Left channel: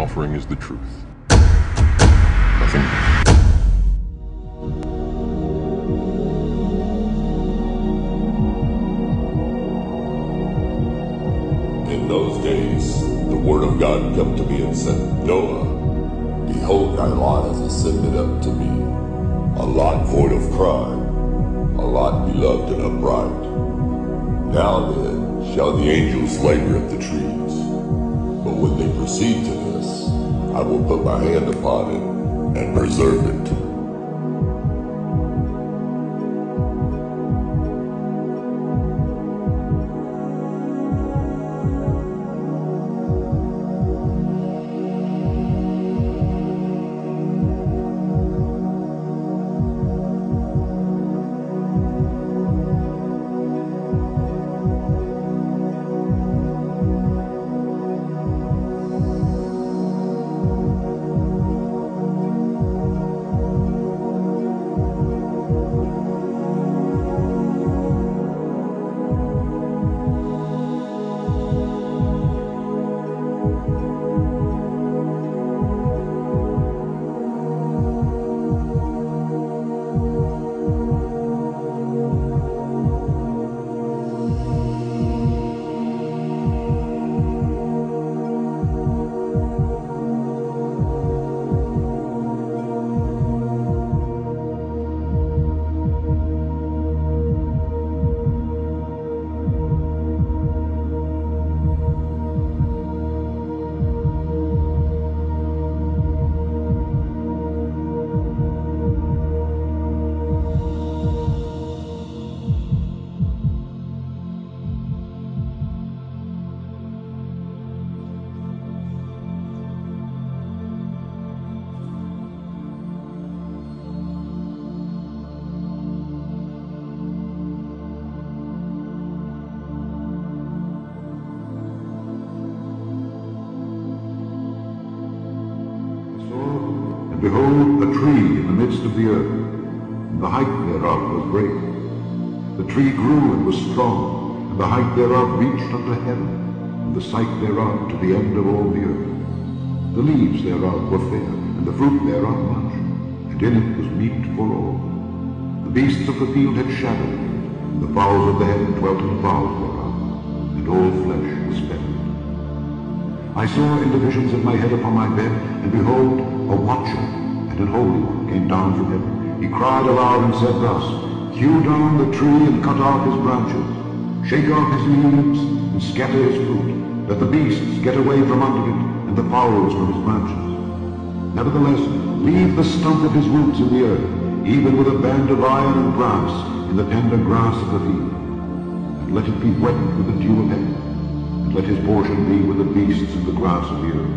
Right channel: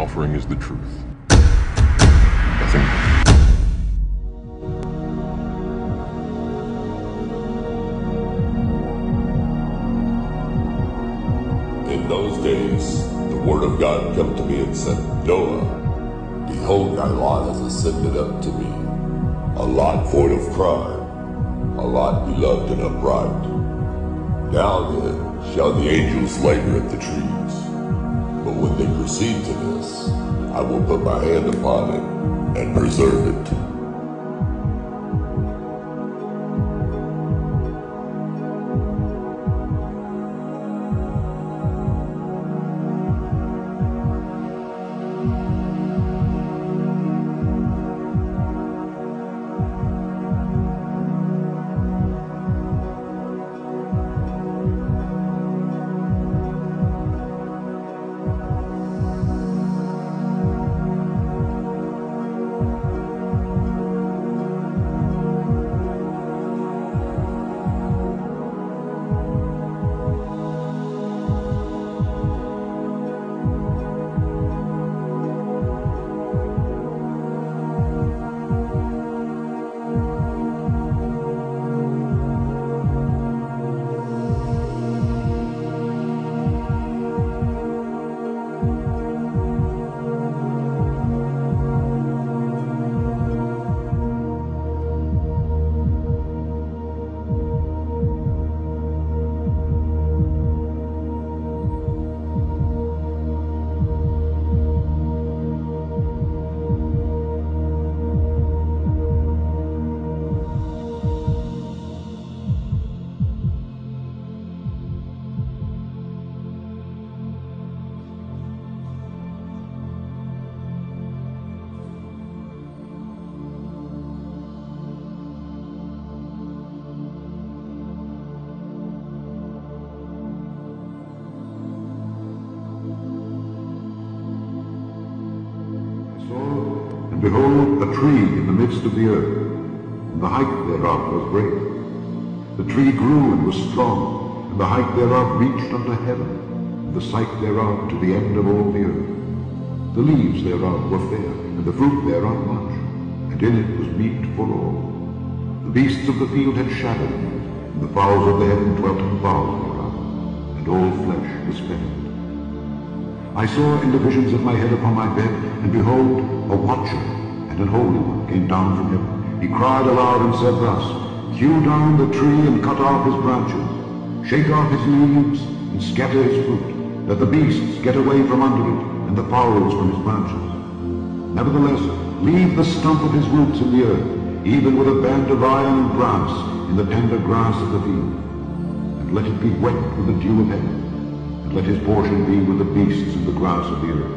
offering is the truth. Nothing more. In those days, the word of God come to me and said, Noah, behold, thy lot has ascended up to me, a lot void of crime, a lot beloved and upright. Now then shall the angels labor at the trees, but when they proceed to this, I will put my hand upon it and preserve it. And behold, a tree in the midst of the earth, and the height thereof was great. The tree grew and was strong, and the height thereof reached unto heaven, and the sight thereof to the end of all the earth. The leaves thereof were fair, and the fruit thereof much, and in it was meat for all. The beasts of the field had shadow in it, and the fowls of the heaven dwelt in the boughs thereof, and all flesh was fattened. I saw in the visions of my head upon my bed, and behold, a watcher and an holy one came down from heaven. He cried aloud and said thus, Hew down the tree and cut off his branches, shake off his leaves and scatter his fruit. Let the beasts get away from under it, and the fowls from his branches. Nevertheless, leave the stump of his roots in the earth, even with a band of iron and brass in the tender grass of the field. And let it be wet with the dew of heaven, and let his portion be with the beasts in the grass of the earth.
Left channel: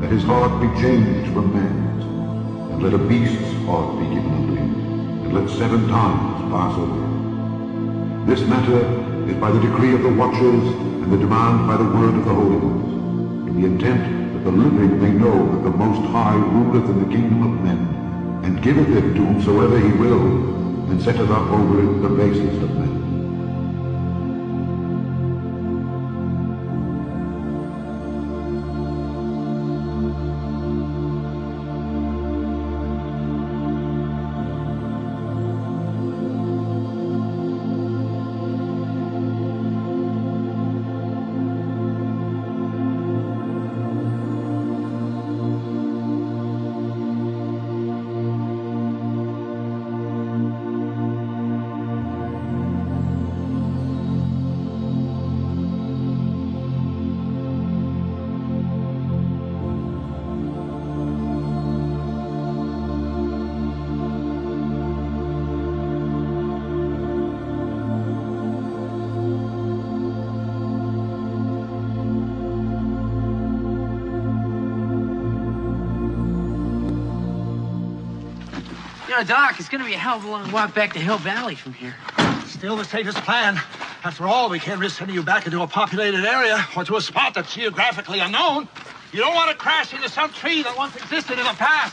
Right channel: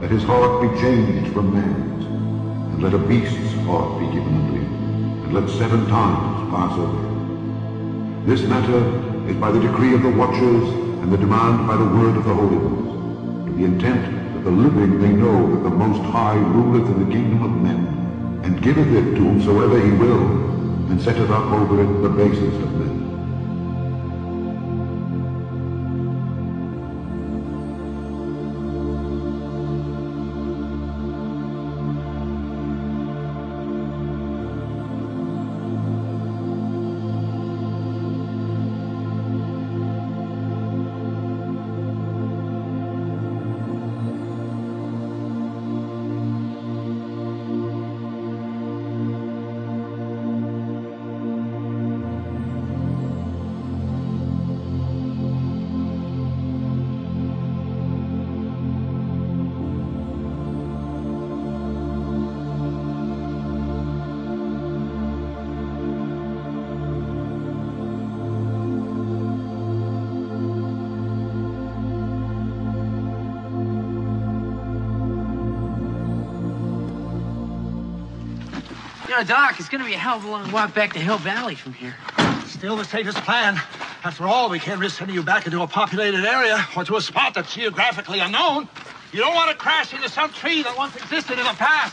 Let his heart be changed from man's, and let a beast's heart be given unto him, and let 7 times pass over him. This matter is by the decree of the watchers, and the demand by the word of the holy ones, to the intent that the living may know that the Most High ruleth in the kingdom of men, and giveth it to whomsoever he will, and setteth up over it the basest of men. You know, Doc, it's going to be a hell of a long walk back to Hill Valley from here. Still the safest plan. After all, we can't risk sending you back into a populated area or to a spot that's geographically unknown. You don't want to crash into some tree that once existed in the past.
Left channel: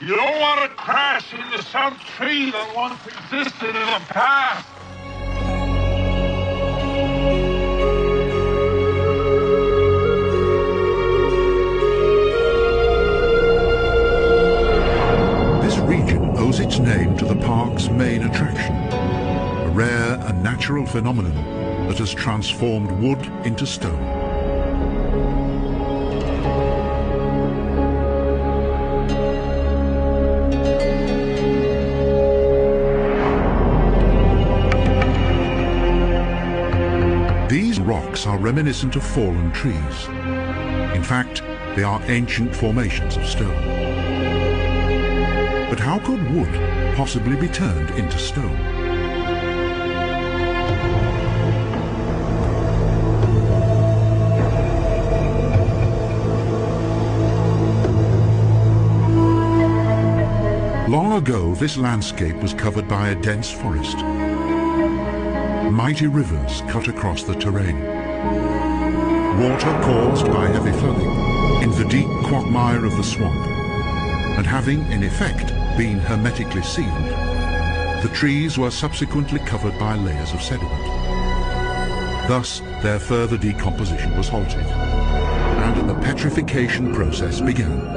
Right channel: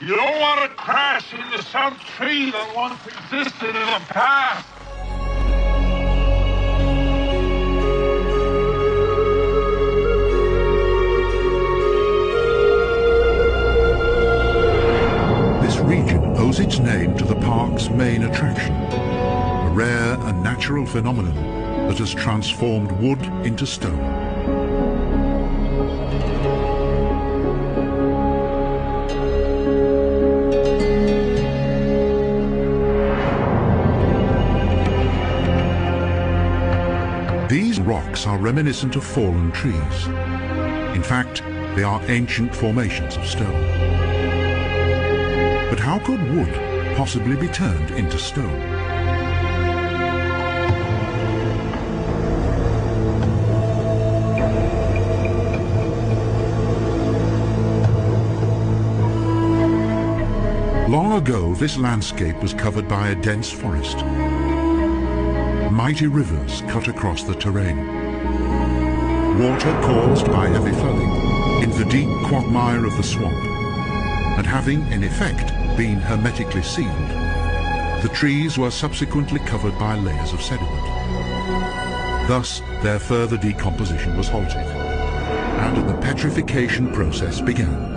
You don't want to crash into some tree that once existed in the past. region owes its name to the park's main attraction, a rare and natural phenomenon that has transformed wood into stone. These rocks are reminiscent of fallen trees. In fact, they are ancient formations of stone. But how could wood possibly be turned into stone? Long ago, this landscape was covered by a dense forest. Mighty rivers cut across the terrain. Water caused by heavy flooding in the deep quagmire of the swamp, and having in effect been hermetically sealed, the trees were subsequently covered by layers of sediment. Thus, their further decomposition was halted, and the petrification process began.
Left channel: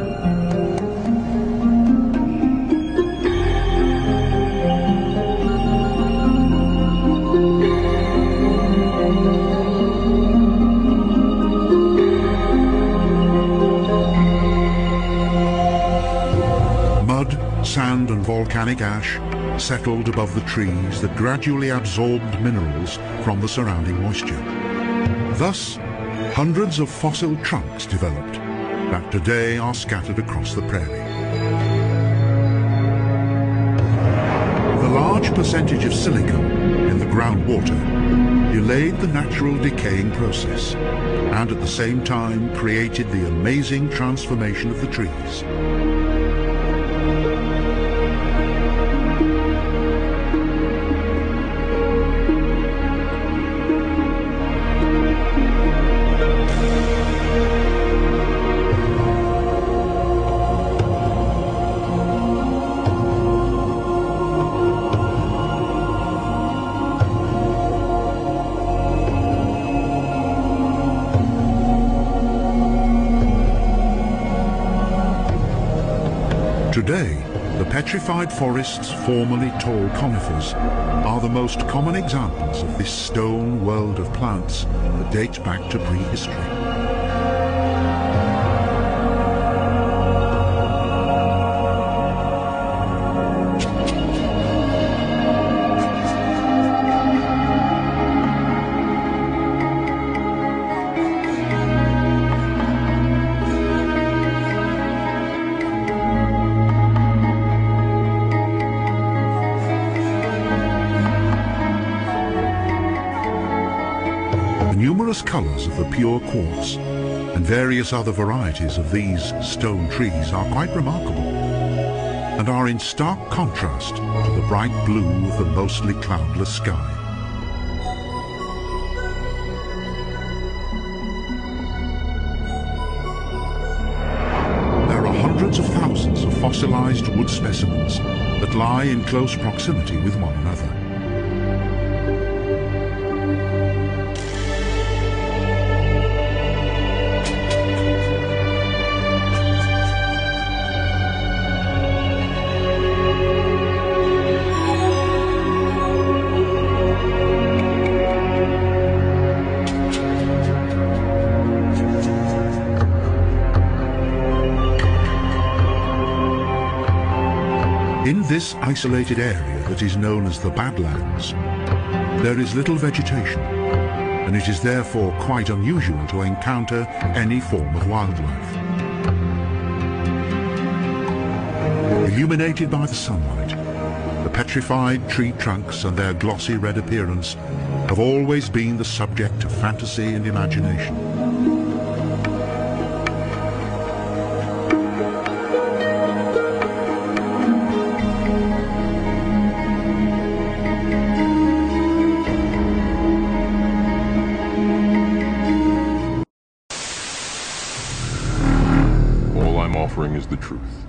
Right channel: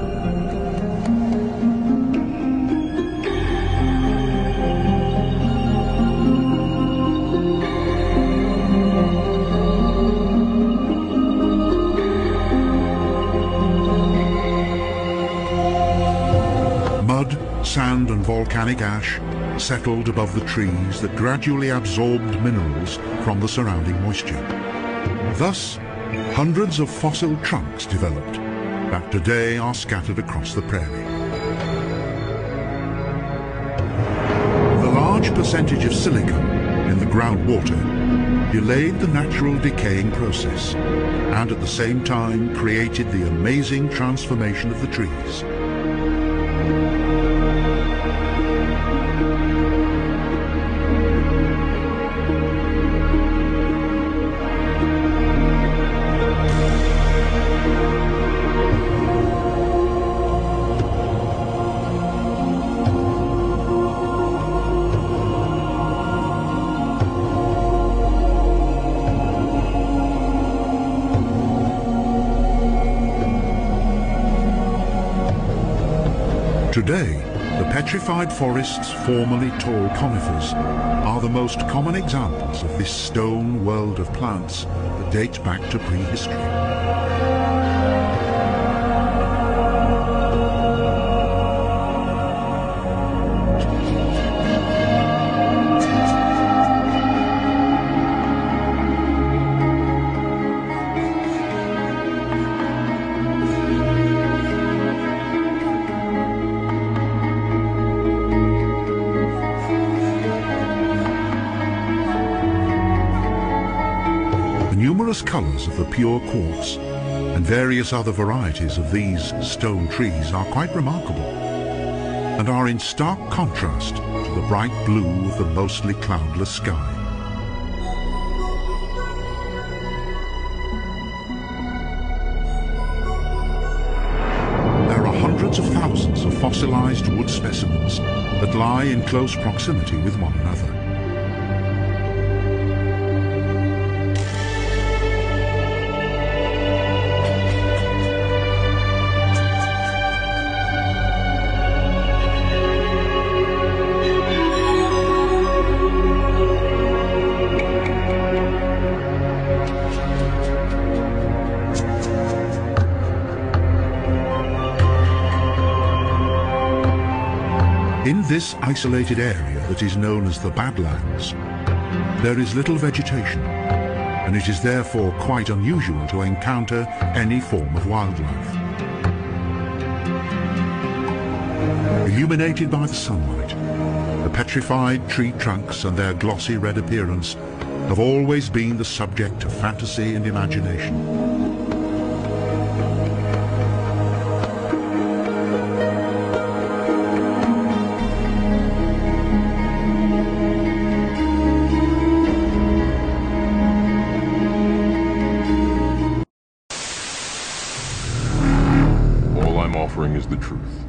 Mud, sand and volcanic ash settled above the trees that gradually absorbed minerals from the surrounding moisture. Thus, hundreds of fossil trunks developed that today are scattered across the prairie. The large percentage of silicon in the groundwater delayed the natural decaying process and at the same time created the amazing transformation of the trees. Today, the petrified forests, formerly tall conifers, are the most common examples of this stone world of plants that dates back to prehistory. The numerous colours of the pure quartz and various other varieties of these stone trees are quite remarkable and are in stark contrast to the bright blue of the mostly cloudless sky. There are hundreds of thousands of fossilized wood specimens that lie in close proximity with one another. In this isolated area that is known as the Badlands, there is little vegetation, and it is therefore quite unusual to encounter any form of wildlife. Illuminated by the sunlight, the petrified tree trunks and their glossy red appearance have always been the subject of fantasy and imagination. All I'm offering is the truth.